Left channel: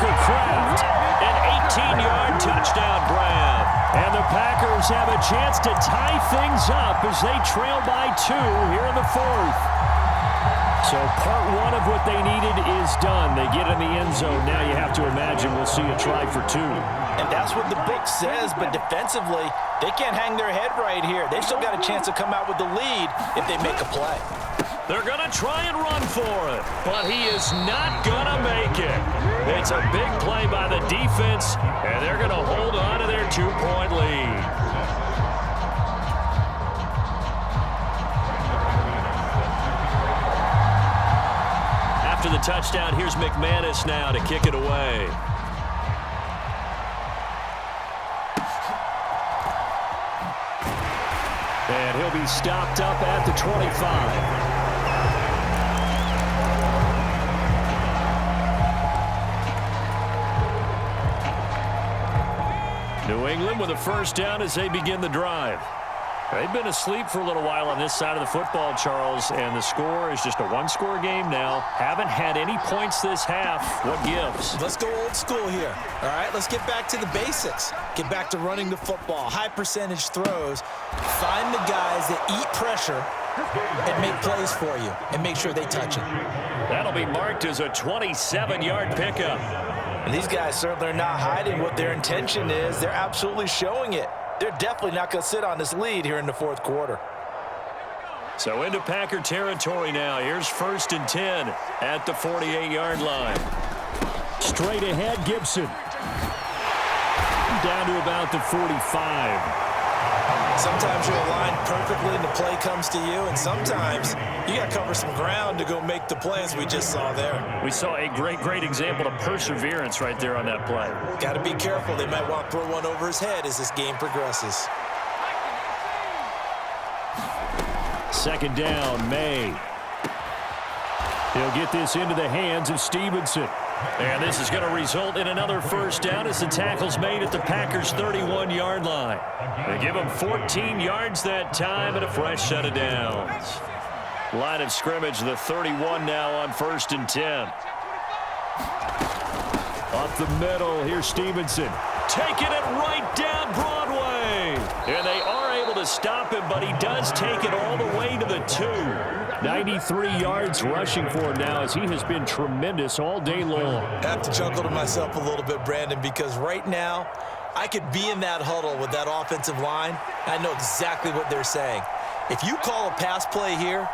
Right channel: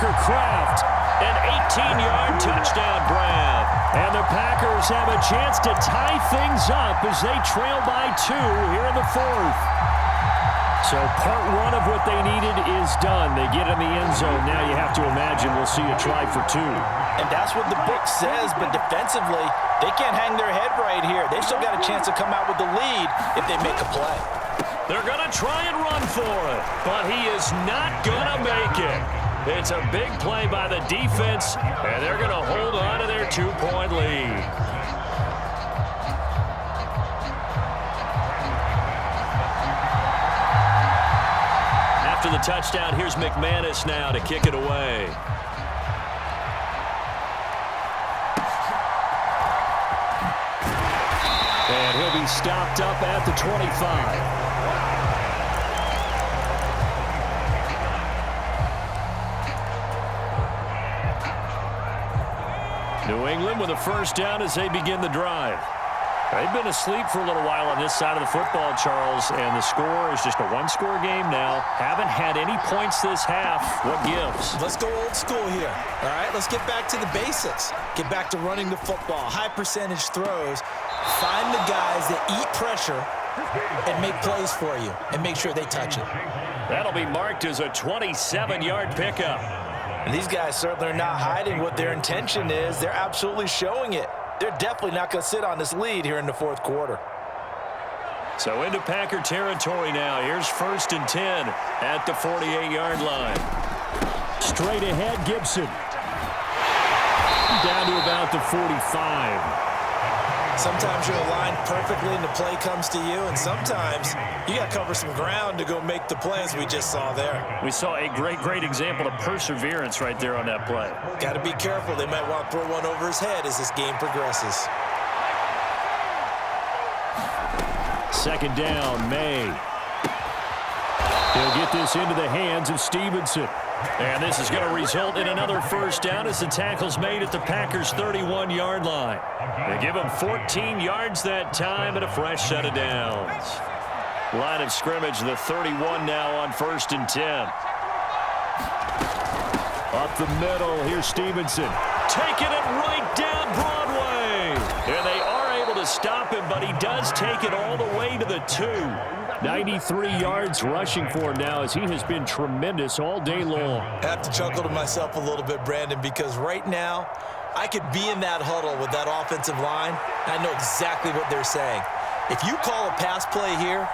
Tucker Kraft, an 18-yard touchdown grab. And the Packers have a chance to tie things up as they trail by 2 here in the 4th. So part 1 of what they needed is done. They get in the end zone. Now you have to imagine we'll see a try for 2. And that's what the book says, but defensively, they can't hang their head right here. They still got a chance to come out with the lead if they make a play. They're going to try and run for it, but he is not going to make it. It's a big play by the defense, and they're going to hold on to their 2-point lead. After the touchdown, here's McManus now to kick it away. And he'll be stopped up at the 25. New England with a first down as they begin the drive. They've been asleep for a little while on this side of the football, Charles, and the score is just a one-score game now. Haven't had any points this half. What gives? Let's go old school here. All right, let's get back to the basics. Get back to running the football, high percentage throws. Find the guys that eat pressure and make plays for you and make sure they touch it. That'll be marked as a 27-yard pickup. And these guys certainly are not hiding what their intention is. They're absolutely showing it. They're definitely not going to sit on this lead here in the 4th quarter. So into Packer territory now. Here's 1st and 10 at the 48-yard line. Straight ahead, Gibson. Down to about the 45. Sometimes you're aligned perfectly and the play comes to you, and sometimes you got to cover some ground to go make the play, as we just saw there. We saw a great example of perseverance right there on that play. Got to be careful. They might want to throw one over his head as this game progresses. 2nd down, May. He'll get this into the hands of Stevenson. And this is going to result in another first down as the tackle's made at the Packers' 31-yard line. They give him 14 yards that time and a fresh set of downs. Line of scrimmage, the 31 now on 1st and 10. Up the middle, here's Stevenson. Taking it right down Broadway. And they are able to stop him, but he does take it all the way to the 2. 93 yards rushing for him now as he has been tremendous all day long. I have to chuckle to myself a little bit, Brandon, because right now I could be in that huddle with that offensive line. I know exactly what they're saying. If you call a pass play here,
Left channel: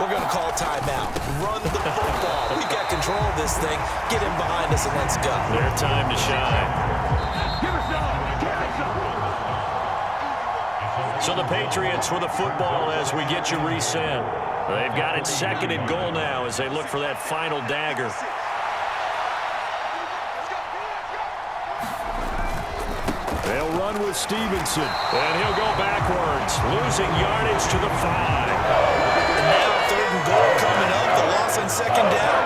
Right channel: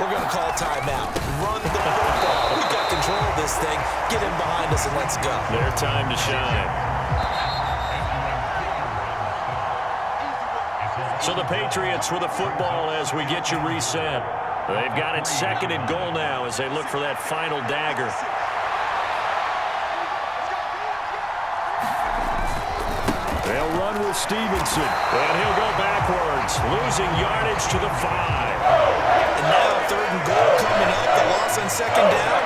we're going to call a timeout. Run the football. We've got control of this thing. Get in behind us and let's go. Their time to shine. So the Patriots with the football as we get you reset. They've got it 2nd and goal now as they look for that final dagger. They'll run with Stevenson, and he'll go backwards, losing yardage to the 5. And now 3rd and goal coming up, the loss on 2nd down.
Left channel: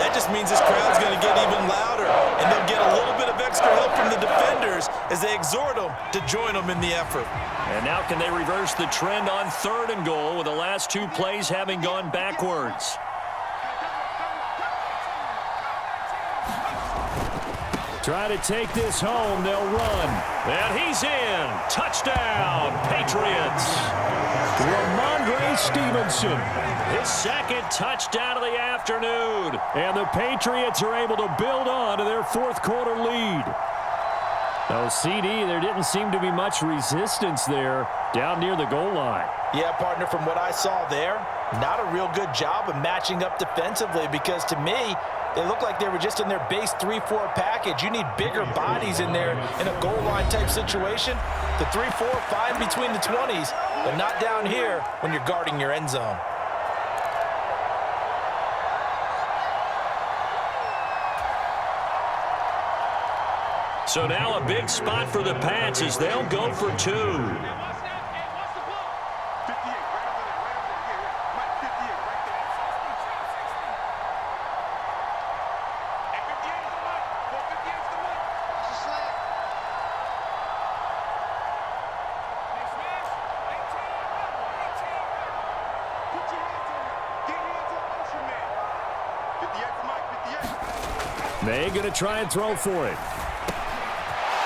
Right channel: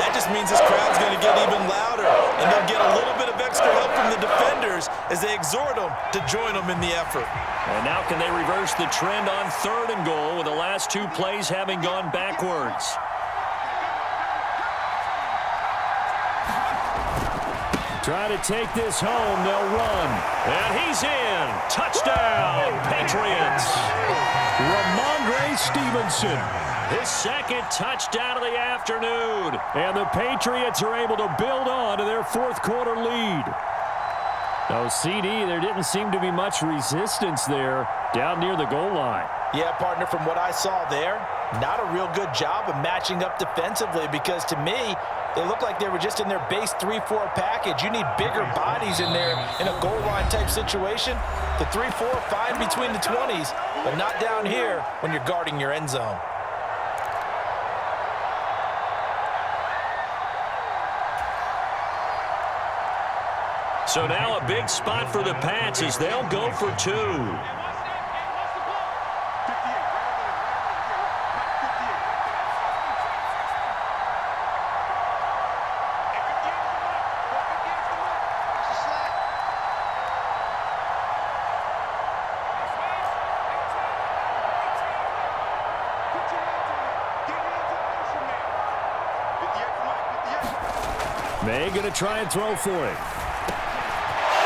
That just means this crowd's going to get even louder, and they'll get a little bit of extra help from the defenders as they exhort them to join them in the effort. And now can they reverse the trend on 3rd and goal with the last 2 plays having gone backwards? Try to take this home. They'll run. And he's in. Touchdown, Patriots. Ramondre Stevenson. His 2nd touchdown of the afternoon. And the Patriots are able to build on to their 4th quarter lead. No, CD, there didn't seem to be much resistance there down near the goal line. Yeah, partner, from what I saw there, not a real good job of matching up defensively because to me, they look like they were just in their base 3-4 package. You need bigger bodies in there in a goal line type situation. The 3-4 fine between the 20s, but not down here when you're guarding your end zone. So now a big spot for the Pats as they'll go for 2. May going to try and throw for it.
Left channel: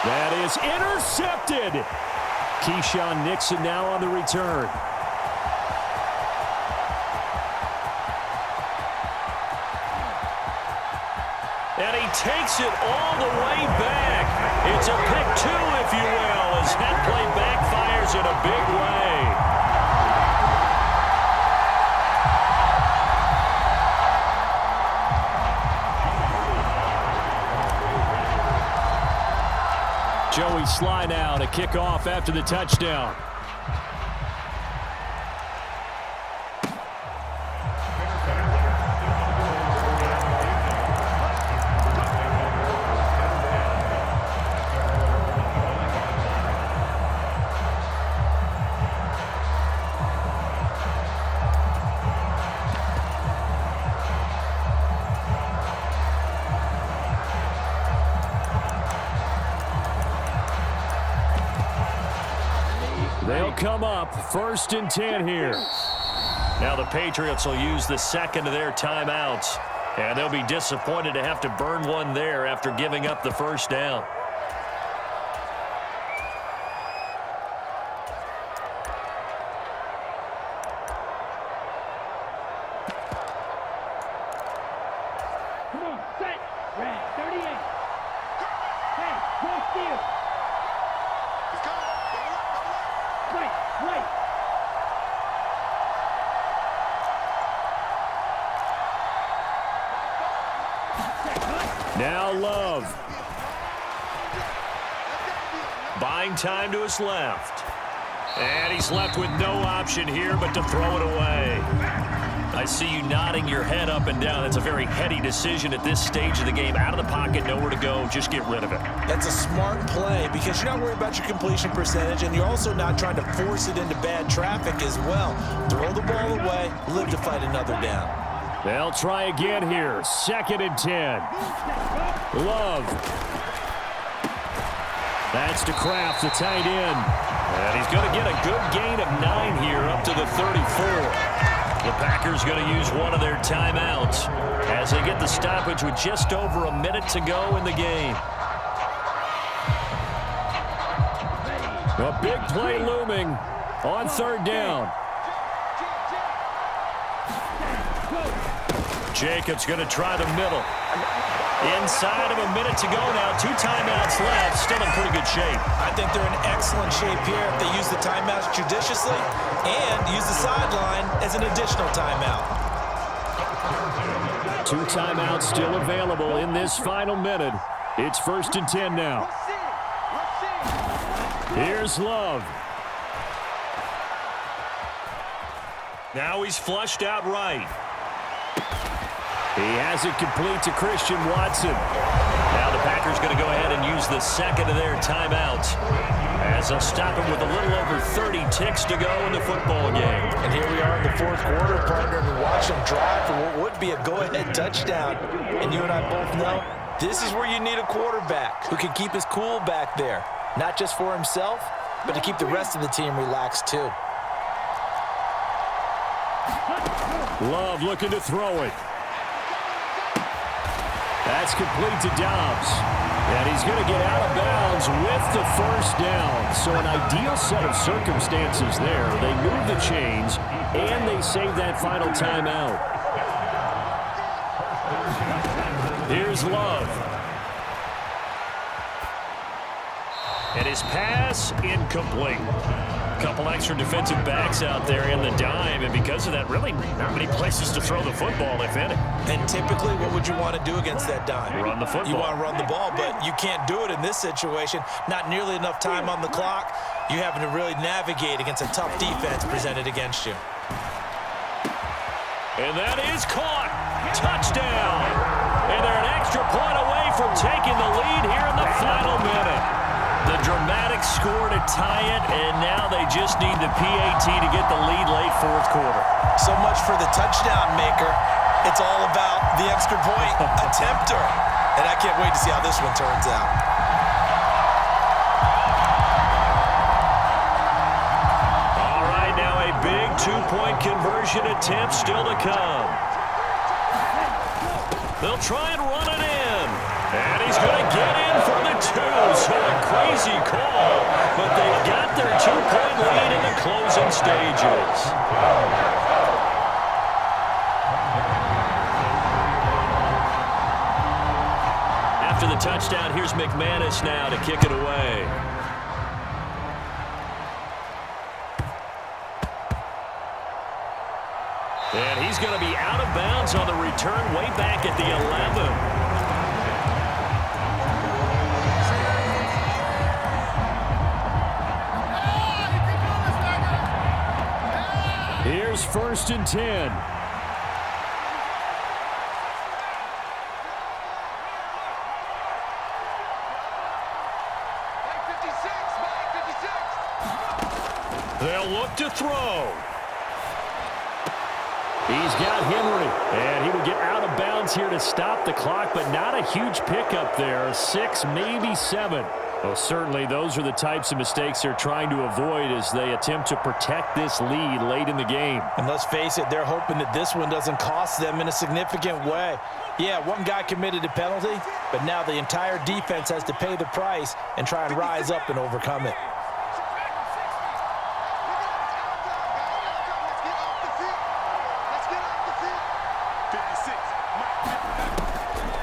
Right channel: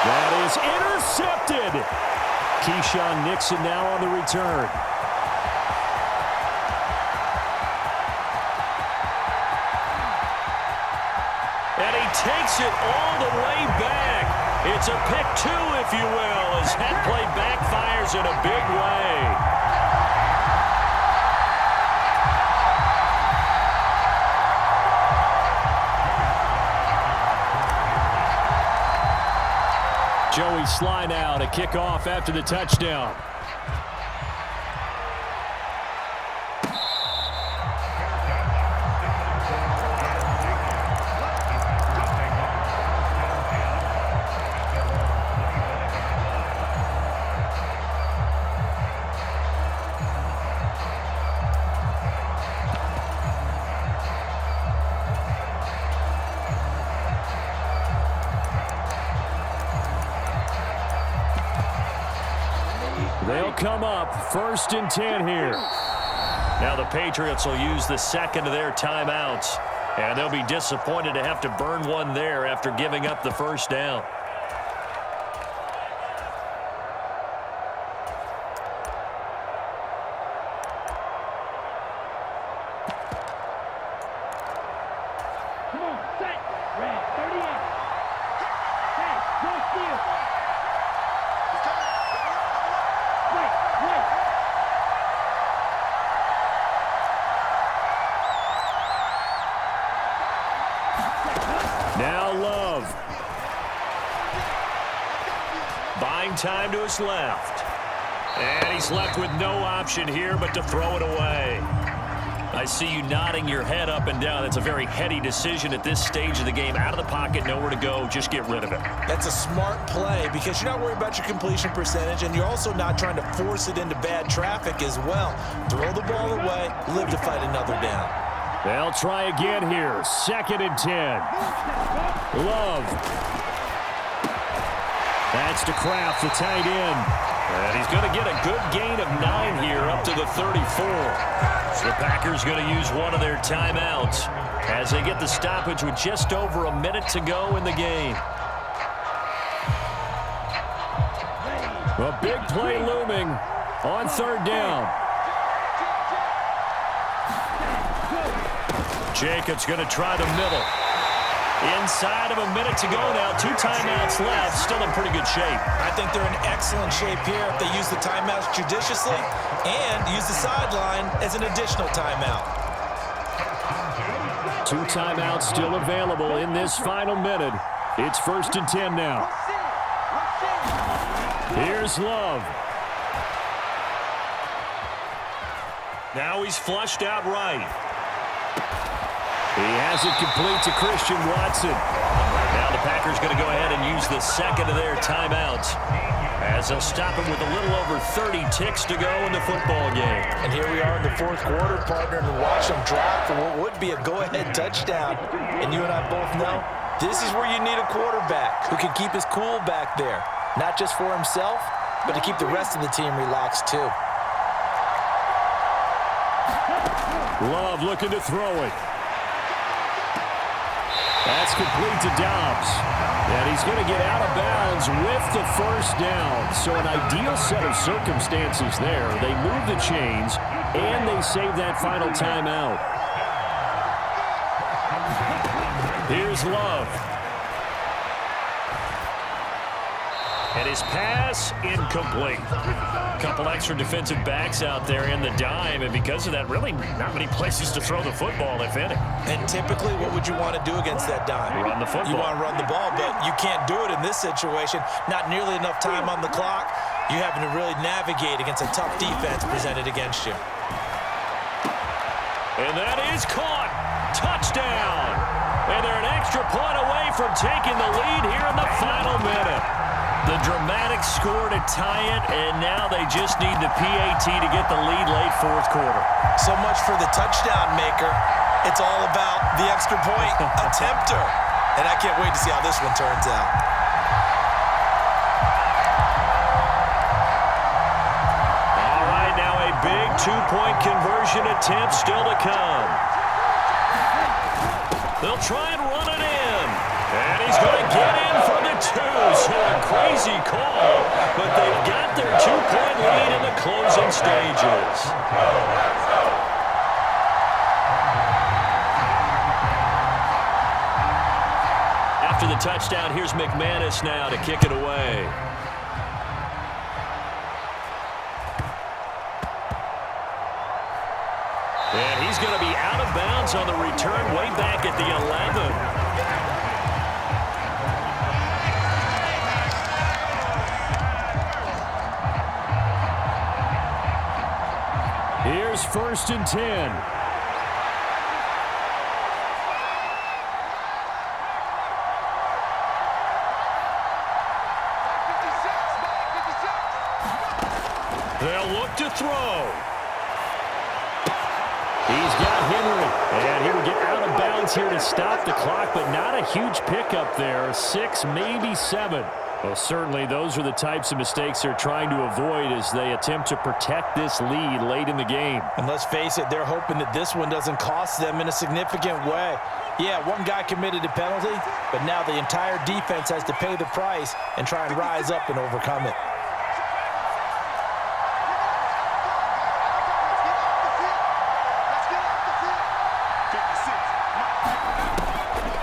That is intercepted. Keyshawn Nixon now on the return. And he takes it all the way back. It's a pick two, if you will, as that play backfires in a big way. Joey Sly now to kick off after the touchdown. They'll come up 1st and 10 here. Now the Patriots will use the second of their timeouts. And they'll be disappointed to have to burn one there after giving up the first down. Come on, set, red, 38. Hey, go steal. He's coming. Double up. Wait. Now Love. Buying time to his left. And he's left with no option here but to throw it away. I see you nodding your head up and down. That's a very heady decision at this stage of the game. Out of the pocket, nowhere to go. Just get rid of it. That's a smart play because you're not worried about your completion percentage, and you're also not trying to force it into bad traffic as well. Throw the ball away, live to fight another down. They'll try again here. 2nd and 10. Love. That's to Kraft, the tight end. And he's going to get a good gain of 9 here up to the 34. The Packers going to use one of their timeouts as they get the stoppage with just over a minute to go in the game. A big play looming on 3rd down. Jacobs going to try the middle. Inside of a minute to go now. 2 timeouts left. Still in pretty good shape. I think they're in excellent shape here if they use the timeouts judiciously and use the sideline as an additional timeout. 2 timeouts still available in this final minute. It's 1st and 10 now. Here's Love. Now he's flushed out right. He has it complete to Christian Watson. Now the Packers going to go ahead and use the second of their timeouts as they'll stop him with a little over 30 ticks to go in the football game. And here we are in the 4th quarter, partner, and watch them drive for what would be a go-ahead touchdown. And you and I both know this is where you need a quarterback who can keep his cool back there, not just for himself, but to keep the rest of the team relaxed too. Love looking to throw it. That's complete to Dobbs. And he's going to get out of bounds with the first down. So an ideal set of circumstances there. They move the chains, and they save that final timeout. Here's Love. And his pass incomplete. Couple extra defensive backs out there in the dime, and because of that, really not many places to throw the football, if any. And typically, what would you want to do against that dime? Run the football. You want to run the ball, but you can't do it in this situation. Not nearly enough time on the clock. You're having to really navigate against a tough defense presented against you. And that is caught. Touchdown. And they're an extra point away from taking the lead here in the final minute. The dramatic score to tie it, and now they just need the PAT to get the lead late 4th quarter. So much for the touchdown maker. It's all about the extra point attempter. And I can't wait to see how this one turns out. All right, now a big 2-point conversion attempt still to come. They'll try and run it in. And he's going to get in for the 2. So a crazy call, but they've got their 2-point lead in the closing stages. After the touchdown, here's McManus now to kick it away. And he's going to be out of bounds on the return way back at the 11. Here's 1st and 10. They'll look to throw. He's got Henry, and he will get out of bounds here to stop the clock, but not a huge pickup there. 6, maybe 7. Well, certainly those are the types of mistakes they're trying to avoid as they attempt to protect this lead late in the game. And let's face it, they're hoping that this one doesn't cost them in a significant way. Yeah, one guy committed a penalty, but now the entire defense has to pay the price and try and rise up and overcome it.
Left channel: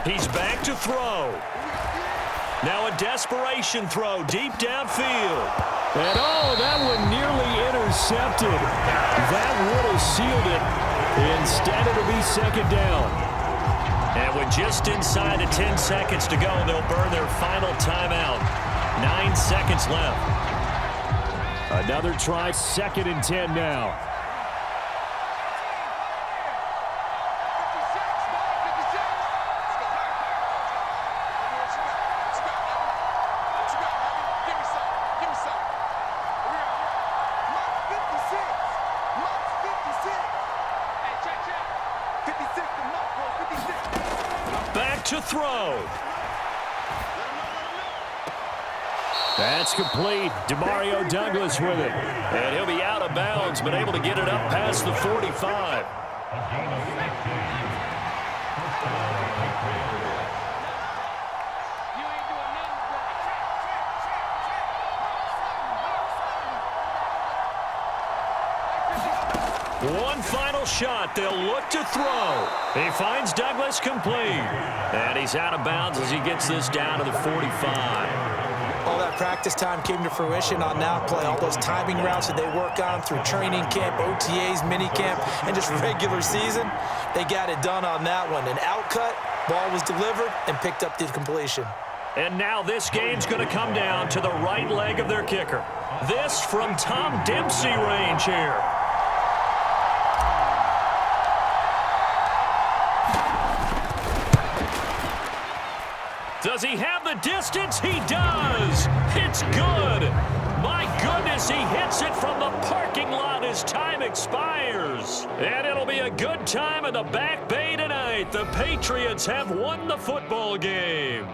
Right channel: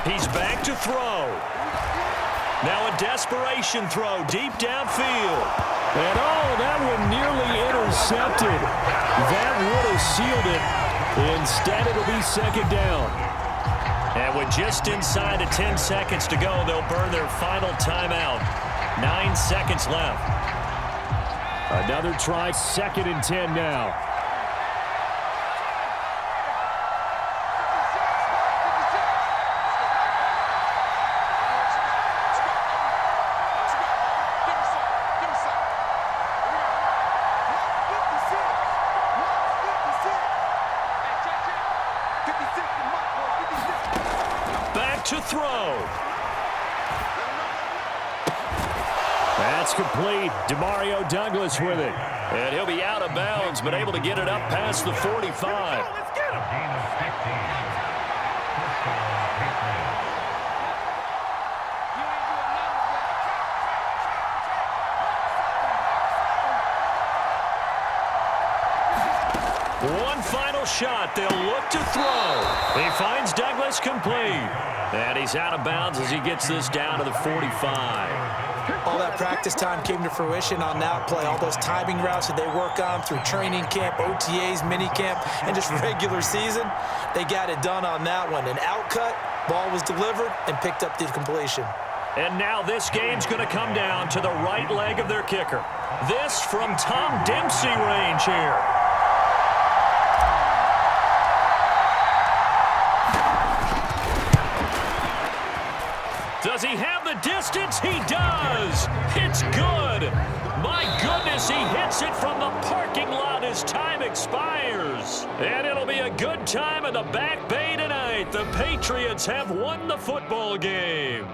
He's back to throw. Now a desperation throw deep downfield. And oh, that one nearly intercepted. That would have sealed it. Instead, it'll be 2nd down. And with just inside of 10 seconds to go, they'll burn their final timeout. 9 seconds left. Another try, 2nd and 10 now. To throw. That's complete. Demario Douglas with it. And he'll be out of bounds, but able to get it up past the 45. One final shot. They'll look to throw. He finds Douglas complete. And he's out of bounds as he gets this down to the 45. All that practice time came to fruition on that play. All those timing routes that they work on through training camp, OTAs, minicamp, and just regular season, they got it done on that one. An outcut, ball was delivered, and picked up the completion. And now this game's going to come down to the right leg of their kicker. This from Tom Dempsey range here. Does he have the distance? He does. It's good. My goodness, he hits it from the parking lot as time expires. And it'll be a good time in the Back Bay tonight. The Patriots have won the football game.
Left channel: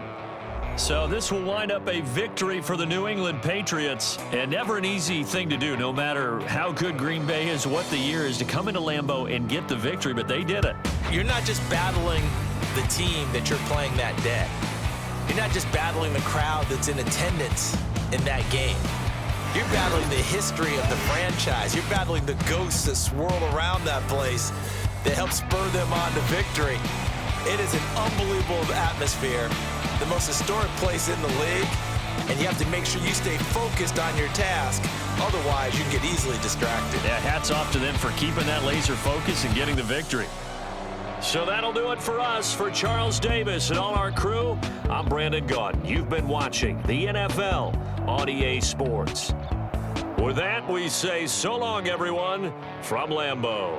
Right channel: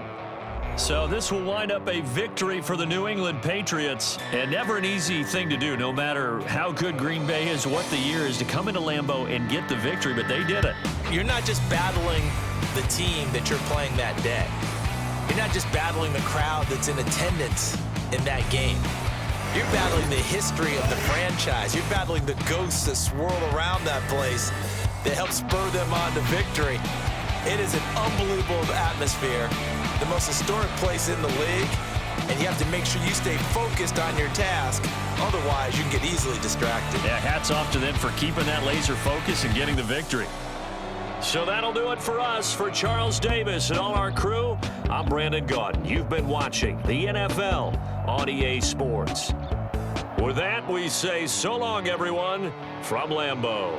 So this will wind up a victory for the New England Patriots. And never an easy thing to do, no matter how good Green Bay is, what the year is, to come into Lambeau and get the victory. But they did it. You're not just battling the team that you're playing that day. You're not just battling the crowd that's in attendance in that game. You're battling the history of the franchise. You're battling the ghosts that swirl around that place that help spur them on to victory. It is an unbelievable atmosphere, the most historic place in the league, and you have to make sure you stay focused on your task. Otherwise, you can get easily distracted. Yeah, hats off to them for keeping that laser focus and getting the victory. So that'll do it for us. For Charles Davis and all our crew, I'm Brandon Gaudin. You've been watching the NFL on EA Sports. With that, we say so long, everyone, from Lambeau.